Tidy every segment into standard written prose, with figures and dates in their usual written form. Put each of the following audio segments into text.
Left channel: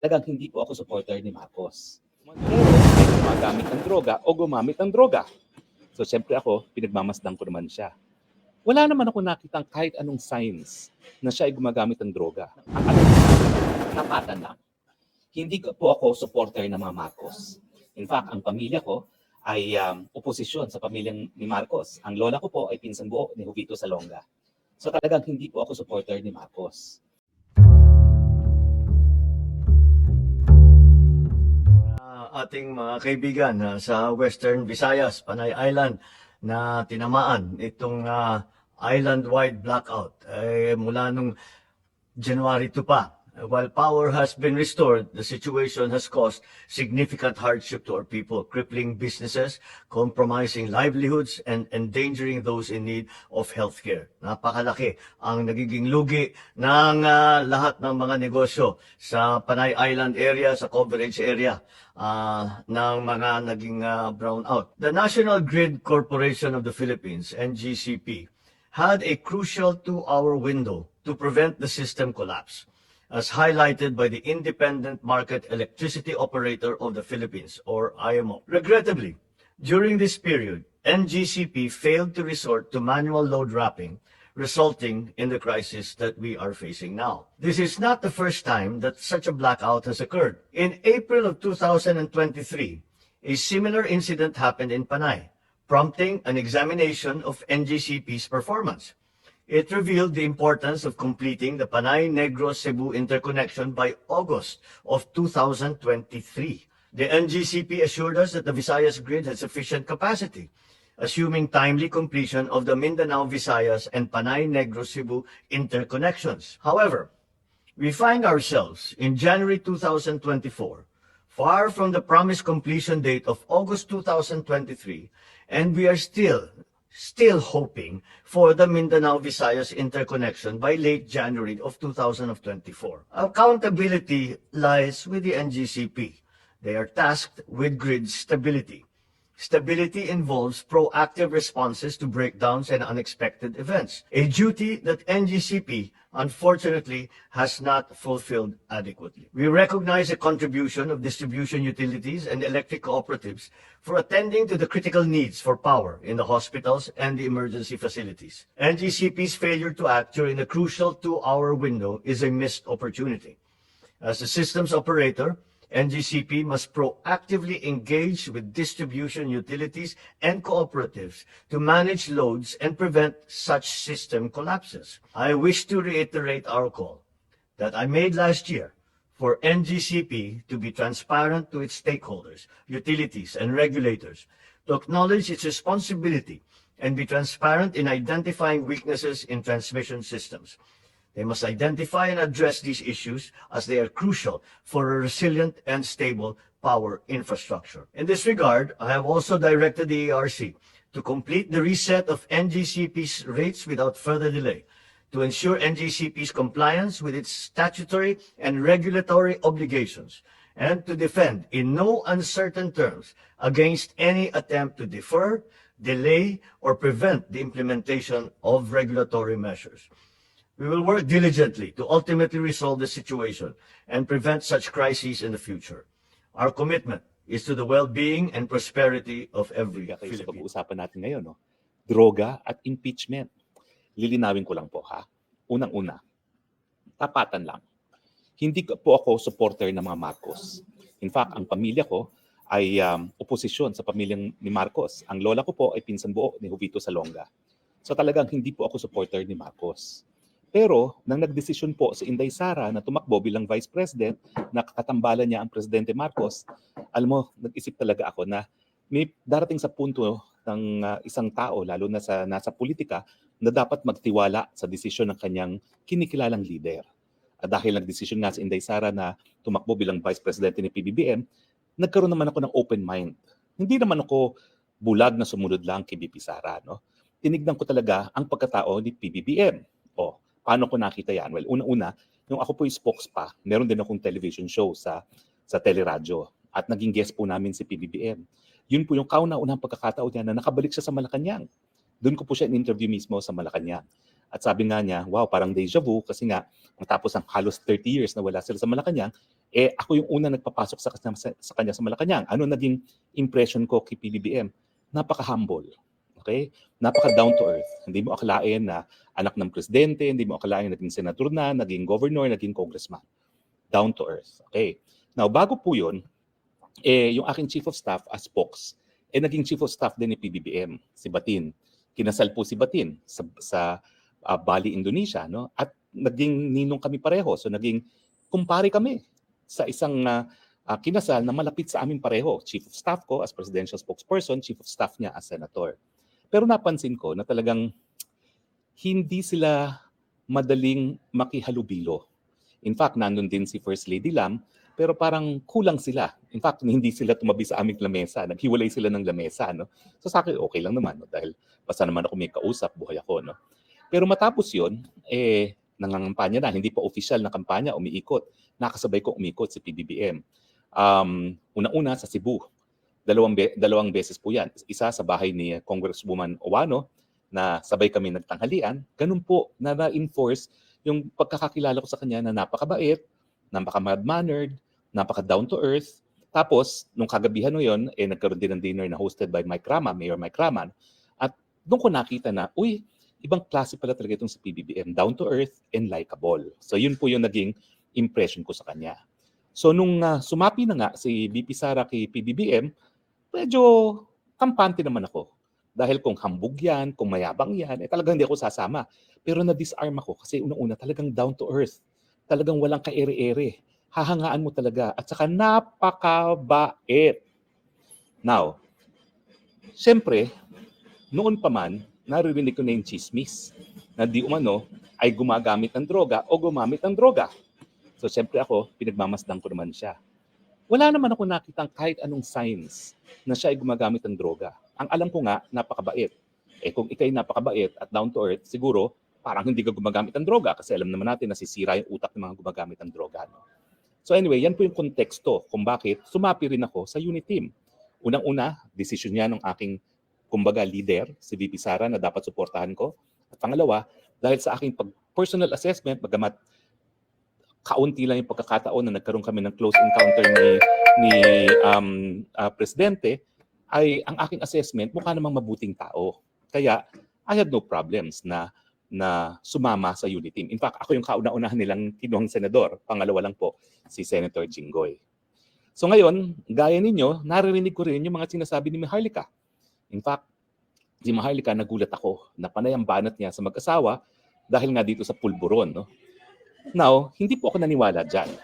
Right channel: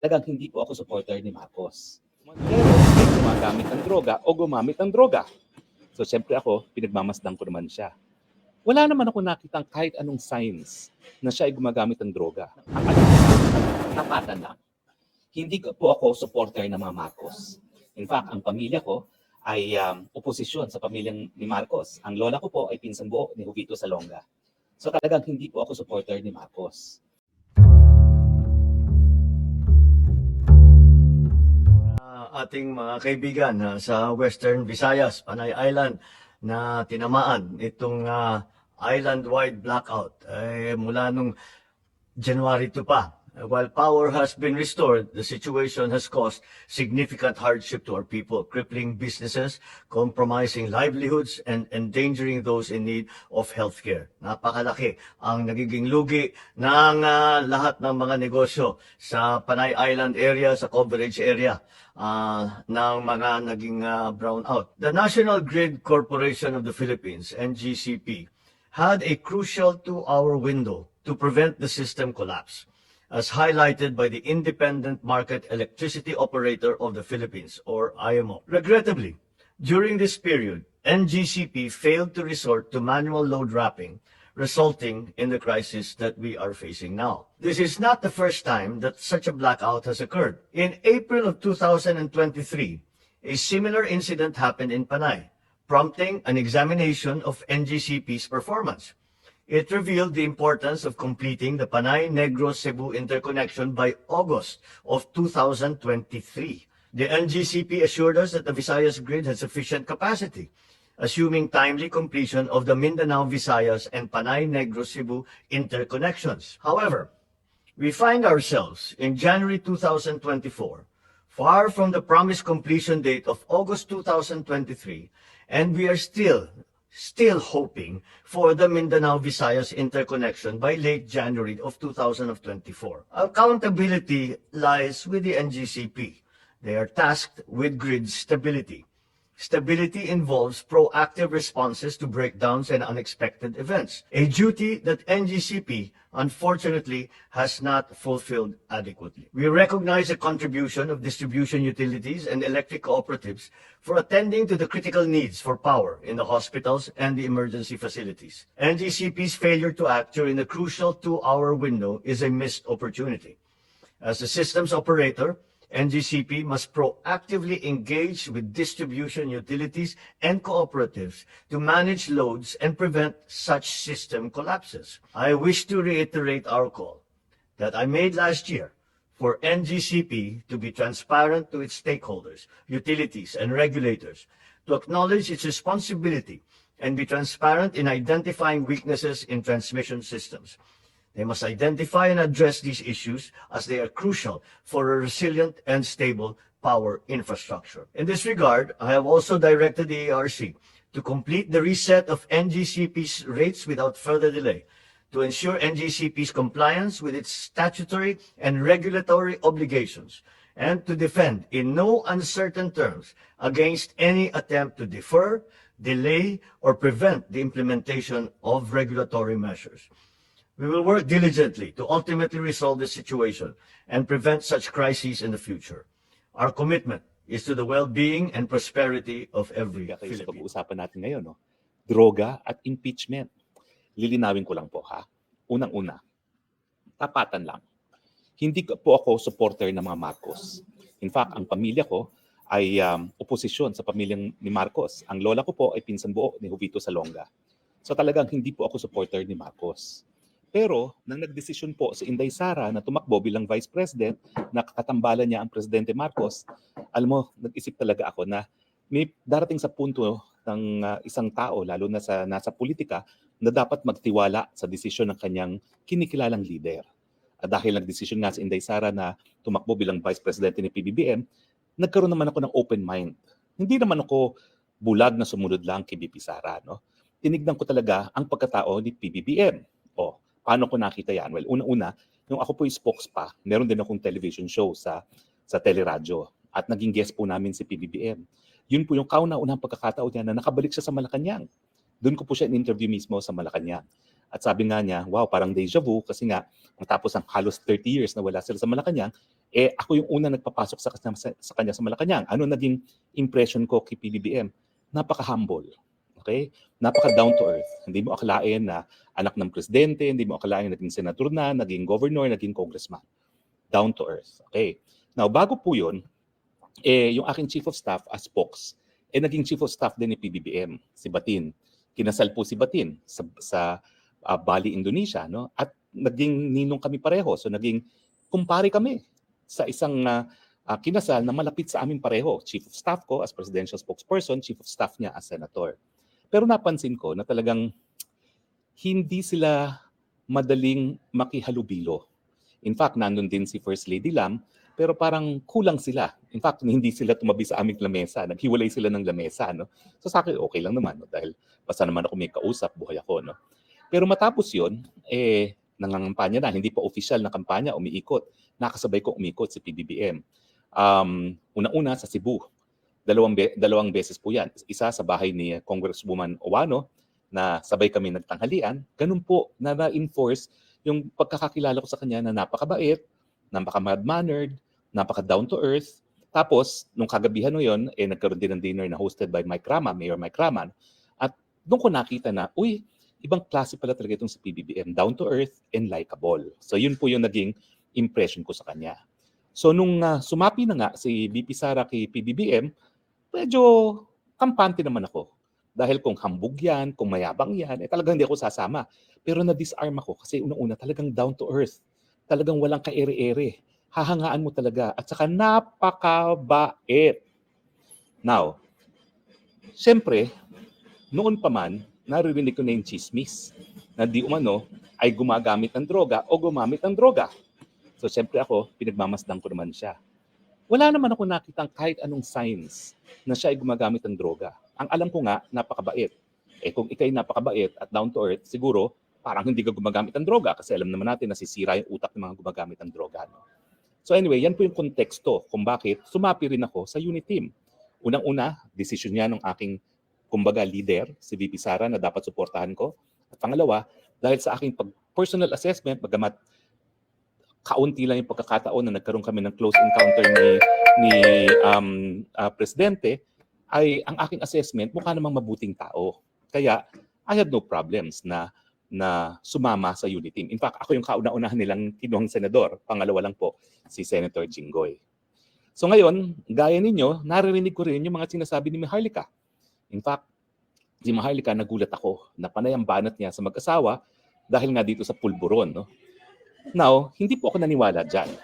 Talagang hindi po ako supporter ni Marcos. Pero may gumagamit ng droga o gumamit ng droga. So siyempre ako, pinagmamasdan ko naman siya. Wala naman ako nakitang kahit anong signs na siya ay gumagamit ng droga. Ang alam ko lang, tapatan lang. Hindi ko po ako supporter ng mga Marcos. In fact, ang pamilya ko ay oposisyon sa pamilyang ni Marcos. Ang lola ko po ay pinsan buo ni Jovito Salonga. So talagang hindi po ako supporter ni Marcos. Ating mga kaibigan sa Western Visayas, Panay Island, na tinamaan itong island-wide blackout ay mula nung January 2 pa. While power has been restored, the situation has caused significant hardship to our people, crippling businesses, compromising livelihoods, and endangering those in need of healthcare. Napakalaki ang nagiging lugi ng lahat ng mga negosyo sa Panay Island area, sa coverage area ng mga naging brownout. The National Grid Corporation of the Philippines, NGCP, had a crucial 2-hour window to prevent the system collapse, as highlighted by the Independent Market Electricity Operator of the Philippines, or IMO. Regrettably, during this period, NGCP failed to resort to manual load wrapping, resulting in the crisis that we are facing now. This is not the first time that such a blackout has occurred. In April of 2023, a similar incident happened in Panay, prompting an examination of NGCP's performance. It revealed the importance of completing the Panay-Negros-Cebu interconnection by August of 2023. The NGCP assured us that the Visayas grid had sufficient capacity, assuming timely completion of the Mindanao-Visayas and Panay-Negros-Cebu interconnections. However, we find ourselves in January 2024, far from the promised completion date of August 2023, and we are still hoping for the Mindanao-Visayas interconnection by late January of 2024. Accountability lies with the NGCP. They are tasked with grid stability. Stability involves proactive responses to breakdowns and unexpected events, a duty that NGCP unfortunately has not fulfilled adequately. We recognize the contribution of distribution utilities and electric cooperatives for attending to the critical needs for power in the hospitals and the emergency facilities. NGCP's failure to act during the crucial 2-hour window is a missed opportunity. As the systems operator, NGCP must proactively engage with distribution utilities and cooperatives to manage loads and prevent such system collapses. I wish to reiterate our call that I made last year for NGCP to be transparent to its stakeholders, utilities, and regulators, to acknowledge its responsibility and be transparent in identifying weaknesses in transmission systems. They must identify and address these issues as they are crucial for a resilient and stable power infrastructure. In this regard, I have also directed the ARC to complete the reset of NGCP's rates without further delay, to ensure NGCP's compliance with its statutory and regulatory obligations, and to defend in no uncertain terms against any attempt to defer, delay, or prevent the implementation of regulatory measures. We will work diligently to ultimately resolve the situation and prevent such crises in the future. Our commitment is to the well-being and prosperity of every Kayo sa Filipino. pag-uusapan natin ngayon, no? Droga at impeachment. Lilinawin ko lang po ha. Unang-una, tapatan lang. Hindi po ako supporter ng mga Marcos. In fact, ang pamilya ko ay oposisyon sa pamilyang ni Marcos. Ang lola ko po ay pinsan buo ni Jovito Salonga. So talagang hindi po ako supporter ni Marcos. Pero nang nagdesisyon po si Inday Sara na tumakbo bilang Vice President, nakakatambalan niya ang Presidente Marcos, alam mo, nag-isip talaga ako na may darating sa punto ng isang tao, lalo na sa nasa politika, na dapat magtiwala sa desisyon ng kanyang kinikilalang leader. At dahil nagdesisyon nga si Inday Sara na tumakbo bilang Vice President ni PBBM, nagkaroon naman ako ng open mind. Hindi naman ako bulag na sumunod lang kay BP Sara. No? Tinignan ko talaga ang pagkatao ni PBBM. O, paano ko nakita yan? Well, una-una, nung ako po yung spokes pa, meron din akong television show sa teleradyo. At naging guest po namin si PBBM. Yun po yung kauna-unang pagkakataon niya na nakabalik siya sa Malacanang. Doon ko po siya in-interview mismo sa Malacanang. At sabi nga niya, wow, parang deja vu kasi nga matapos ang halos 30 years na wala sila sa Malacanang, ako yung una nagpapasok sa kanya sa Malacanang. Ano naging impression ko kay PBBM? Napaka-humble. Okay? Napaka-down to earth. Hindi mo akalain na anak ng presidente, hindi mo akalain na naging senador na, naging governor, naging congressman. Down to earth. Okay? Now, bago po yun, yung aking chief of staff as spokes, naging chief of staff din ni PBBM, si Batin. Kinasal po si Batin sa Bali, Indonesia. No? At naging ninong kami pareho. So naging kumpare kami sa isang kinasal na malapit sa amin pareho. Chief of staff ko as presidential spokesperson, chief of staff niya as senator. Pero napansin ko na talagang hindi sila madaling makihalubilo. In fact, nandun din si First Lady Lam, pero parang kulang sila. In fact, hindi sila tumabi sa aming lamesa. Naghiwalay sila ng lamesa. No? So sa akin, okay lang naman. No? Dahil basta naman ako may kausap, buhay ako. No? Pero matapos yun, nangangampanya na. Hindi pa official na kampanya, umiikot. Nakasabay ko umikot si PBBM. Una-una sa Cebu. Dalawang beses po yan. Isa sa bahay ni Congresswoman Owano na sabay kami nagtanghalian. Ganun po na na-enforce yung pagkakakilala ko sa kanya na napakabait, napaka-mild-mannered, napaka-down to earth. Tapos, nung kagabihan no yun, nagkaroon din ng dinner na hosted by Mayor Mike Raman. At doon ko nakita na, uy, ibang klase pala talaga itong si PBBM, down to earth and likable. So yun po yung naging impression ko sa kanya. So nung sumapi na nga si VP Sara kay PBBM, medyo kampante naman ako. Dahil kung hambog yan, kung mayabang yan, talagang hindi ako sasama. Pero na-disarm ako kasi unang-una talagang down to earth. Talagang walang ka-ere-ere. Hahangaan mo talaga. At saka napakabait. Now, siyempre, noon pa man, naririnig ko na yung chismis na di umano ay gumagamit ng droga o gumamit ng droga. So siyempre ako, pinagmamasdan ko naman siya. Wala naman ako nakitang kahit anong signs na siya ay gumagamit ng droga. Ang alam ko nga, napakabait. Kung ikay napakabait at down to earth, siguro parang hindi ka gumagamit ng droga kasi alam naman natin na sisira yung utak ng mga gumagamit ng droga. No? So anyway, yan po yung konteksto kung bakit sumapi rin ako sa unit team. Unang-una, decision niya ng aking kumbaga leader, si VP Sara, na dapat suportahan ko. At pangalawa, dahil sa aking personal assessment, bagamat kaunti lang yung pagkakataon na nagkaroon kami ng close encounter ni Presidente, ay ang aking assessment, mukha namang mabuting tao. Kaya, I had no problems na sumama sa unit team. In fact, ako yung kauna-unahan nilang kinuhang senador. Pangalawa lang po, si Senator Jinggoy. So ngayon, gaya ninyo, naririnig ko rin yung mga sinasabi ni Maharlika. In fact, si Maharlika, nagulat ako na panay ang banat niya sa mag-asawa dahil nga dito sa pulburon. No? Now, hindi po ako naniwala dyan.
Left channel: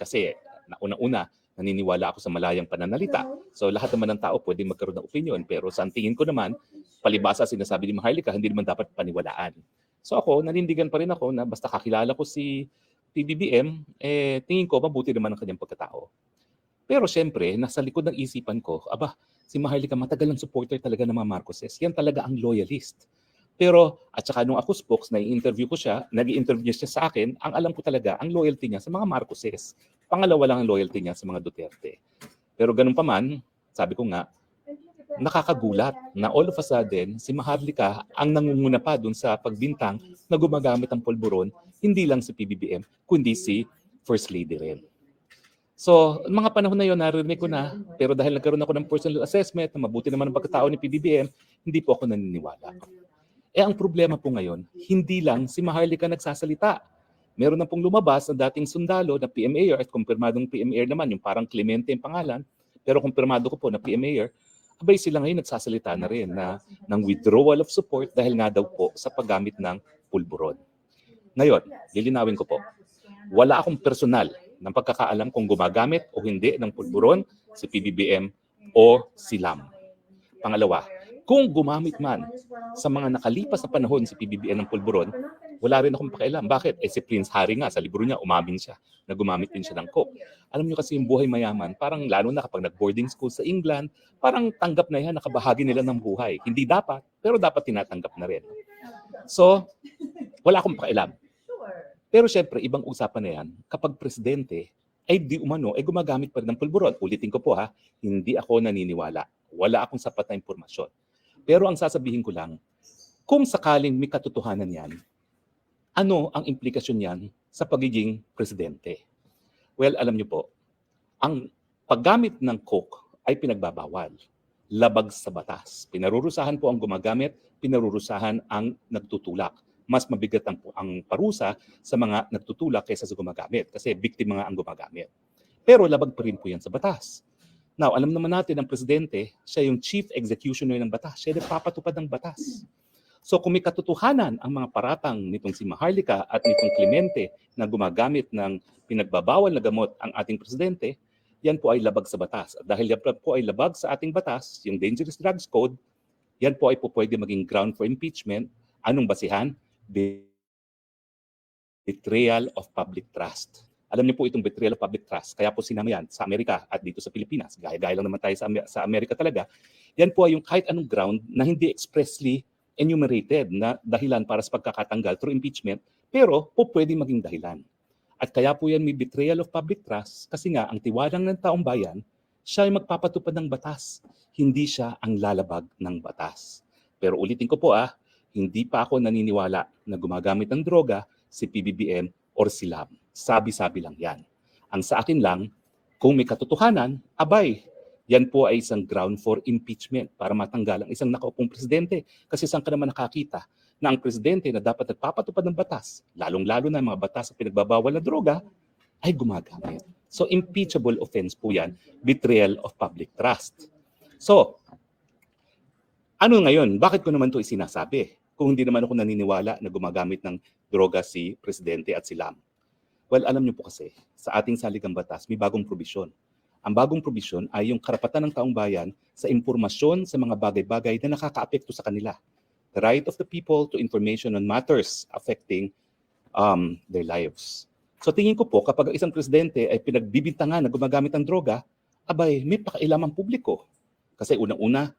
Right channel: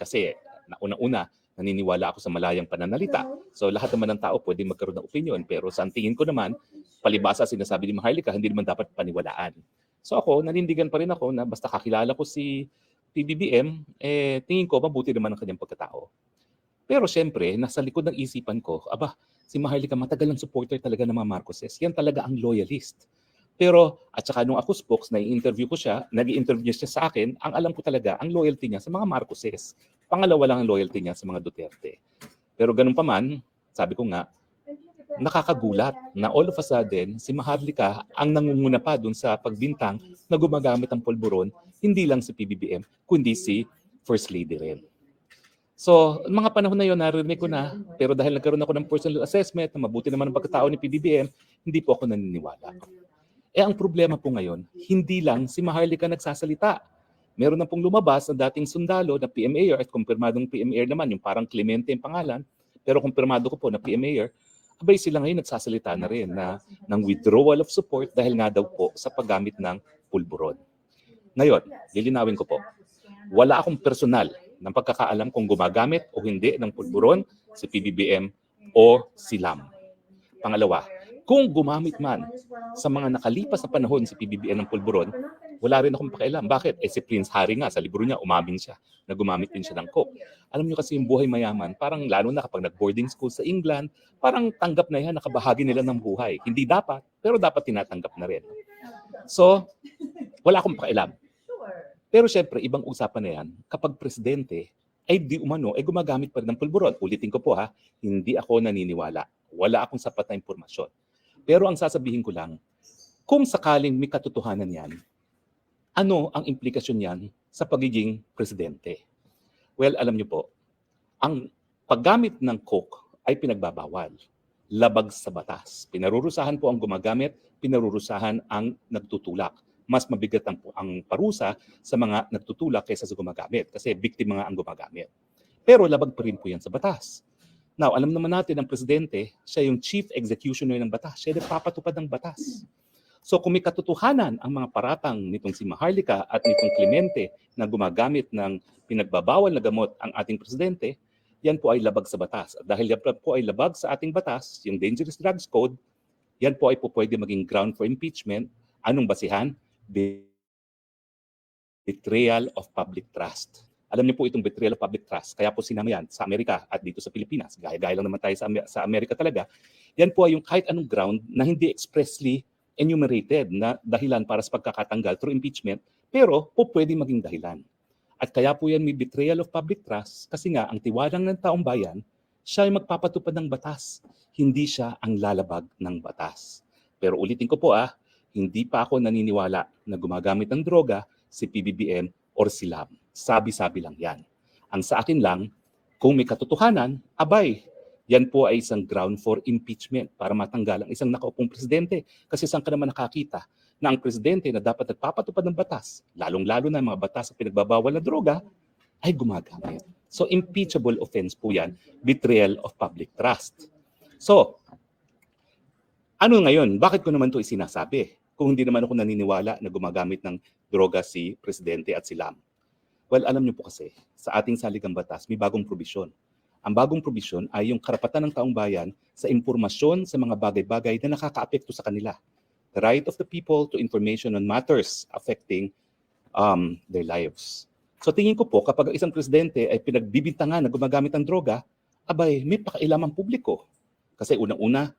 Kasi, una-una, naniniwala ako sa malayang pananalita. So, lahat naman ng tao pwede magkaroon ng opinion. Pero sa tingin ko naman, palibasa sinasabi ni Maharlika, hindi naman dapat paniwalaan. So ako, nanindigan pa rin ako na basta kakilala ko si PBBM, tingin ko mabuti naman ang kanyang pagkatao. Pero syempre, nasa likod ng isipan ko, si Maharlika matagal ng supporter talaga ng mga Marcoses. Yan talaga ang loyalist. Pero, at saka nung ako spokes, nag-i-interview siya sa akin, ang alam ko talaga, ang loyalty niya sa mga Marcoses. Pangalawa lang ang loyalty niya sa mga Duterte. Pero ganun pa man, sabi ko nga, nakakagulat na all of a sudden, si Maharlika ang nangunguna pa dun sa pagbintang na gumagamit ang pulburon, hindi lang si PBBM, kundi si First Lady rin. So, mga panahon na yun, narinig ko na. Pero dahil nagkaroon ako ng personal assessment na mabuti naman ang pagkatao ni PBBM, hindi po ako naniniwala. Ang problema po ngayon, hindi lang si Maharlika nagsasalita. Meron na pong lumabas na dating sundalo na PMAR at kumpirmadong PMAR naman, yung parang Clemente yung pangalan, pero kumpirmado ko po na PMAR, sila ngayon nagsasalita na rin ng withdrawal of support dahil nga daw po sa paggamit ng pulburon. Ngayon, lilinawin ko po, wala akong personal ng pagkakaalam kung gumagamit o hindi ng pulburon si PBBM o si Lam. Pangalawa, kung gumamit man sa mga nakalipas na panahon si PBBM ng pulburon, wala rin akong pakialam. Bakit? Si Prince Harry nga, sa libro niya, umamin siya na gumamit din siya ng coke. Alam niyo kasi yung buhay mayaman, parang lalo na kapag nag-boarding school sa England, parang tanggap na yan, nakabahagi nila ng buhay. Hindi dapat, pero dapat tinatanggap na rin. So, wala akong pakialam. Pero syempre, ibang usapan na yan, kapag presidente, ay di umano, ay gumagamit pa rin ng pulburon. Ulitin ko po hindi ako naniniwala. Wala akong sapat na impormasyon. Pero ang sasabihin ko lang, kung sakaling may katotohanan yan, Ano ang implikasyon niyan sa pagiging presidente? Well, alam niyo po, ang paggamit ng coke ay pinagbabawal. Labag sa batas. Pinarurusahan po ang gumagamit, pinarurusahan ang nagtutulak. Mas mabigat ang parusa sa mga nagtutulak kaysa sa gumagamit kasi biktima nga ang gumagamit. Pero labag pa rin po yan sa batas. Now, alam naman natin ang presidente, siya yung chief executioner ng batas. Siya nagpapatupad ng batas. So kung may katotohanan ang mga paratang nitong si Maharlika at nitong Clemente na gumagamit ng pinagbabawal na gamot ang ating presidente, yan po ay labag sa batas. At dahil yan po ay labag sa ating batas, yung Dangerous Drugs Code, yan po ay po pwede maging ground for impeachment. Anong basihan? Betrayal of public trust. Alam niyo po itong betrayal of public trust. Kaya po sinama yan sa Amerika at dito sa Pilipinas. Gaya-gaya lang naman tayo sa Amerika talaga. Yan po ay yung kahit anong ground na hindi expressly enumerated na dahilan para sa pagkakatanggal through impeachment, pero po pwede maging dahilan. At kaya po yan may betrayal of public trust kasi nga ang tiwalang ng taong bayan, siya ay magpapatupad ng batas. Hindi siya ang lalabag ng batas. Pero ulitin ko po hindi pa ako naniniwala na gumagamit ng droga si PBBM or si LAM. Sabi-sabi lang yan. Ang sa akin lang, kung may katotohanan, abay, yan po ay isang ground for impeachment para matanggal ang isang nakaupong presidente. Kasi saan ka naman nakakita na ang presidente na dapat nagpapatupad ng batas, lalong-lalo na mga batas sa pinagbabawal na droga, ay gumagamit. So impeachable offense po yan, betrayal of public trust. So, ano ngayon? Bakit ko naman ito isinasabi? Kung hindi naman ako naniniwala na gumagamit ng droga si presidente at si LAM. Well, alam niyo po kasi, sa ating saligang batas, may bagong probisyon. Ang bagong probisyon ay yung karapatan ng taong bayan sa impormasyon sa mga bagay-bagay na nakakaapekto sa kanila. The right of the people to information on matters affecting their lives. So tingin ko po, kapag isang presidente ay pinagbibintangan na gumagamit ng droga, abay, may pakailaman publiko. Kasi unang-una,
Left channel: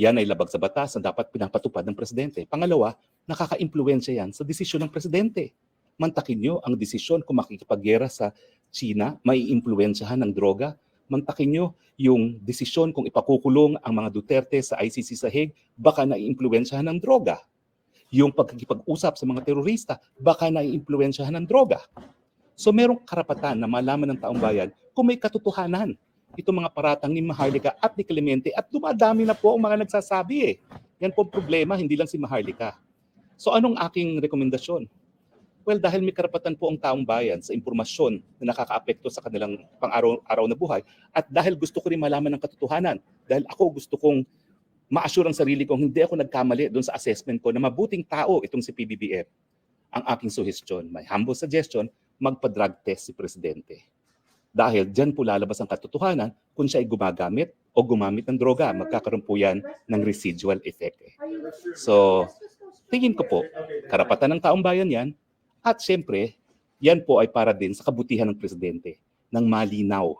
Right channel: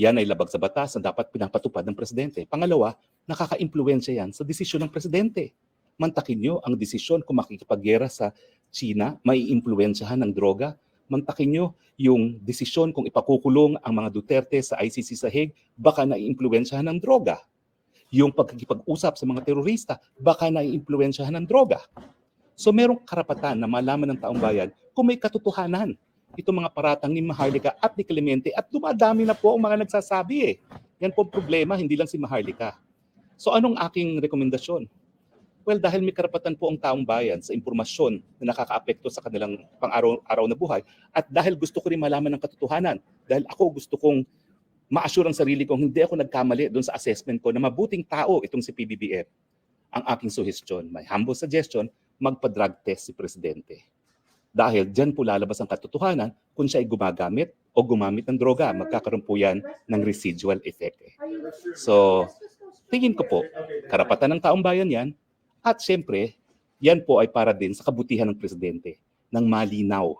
yan ay labag sa batas na dapat pinapatupad ng presidente. Pangalawa, nakaka-impluwensya yan sa desisyon ng presidente. Mantakin nyo ang desisyon kung makikipagyera sa China, may impluwensyahan ng droga. Mantakin nyo yung desisyon kung ipakukulong ang mga Duterte sa ICC sa Hague, baka naiimpluwensyahan ng droga. Yung pagkikipag-usap sa mga terorista, baka naiimpluwensyahan ng droga. So merong karapatan na malaman ng taong bayan kung may katotohanan. Itong mga paratang ni Maharlika at ni Clemente. At dumadami na po mga nagsasabi ang problema, hindi lang si Maharlika. So anong aking rekomendasyon? Kung dahil may karapatan po ang taong bayan sa impormasyon na nakakaapekto sa kanilang pang-araw na buhay, at dahil gusto ko rin malaman ng katotohanan, dahil ako gusto kong ma-assure ang sarili kong hindi ako nagkamali doon sa assessment ko na mabuting tao itong si PBBM. Ang aking suggestion, my humble suggestion, magpa-drug test si Presidente. Dahil dyan po lalabas ang katotohanan kung siya ay gumagamit o gumamit ng droga. Magkakaroon po yan ng residual effect. So, tingin ko po, karapatan ng taong bayan yan. At siyempre, yan po ay para din sa kabutihan ng presidente ng malinaw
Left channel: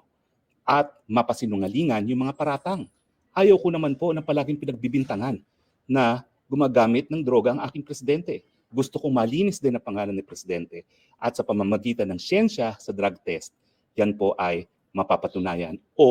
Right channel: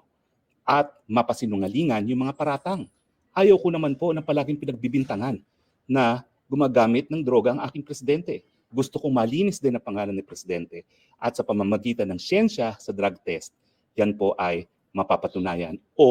at mapasinungalingan yung mga paratang. Ayaw ko naman po ng palaging pinagbibintangan na gumagamit ng droga ang aking presidente. Gusto ko malinis din ang pangalan ng presidente at sa pamamagitan ng siyensya sa drug test, yan po ay mapapatunayan o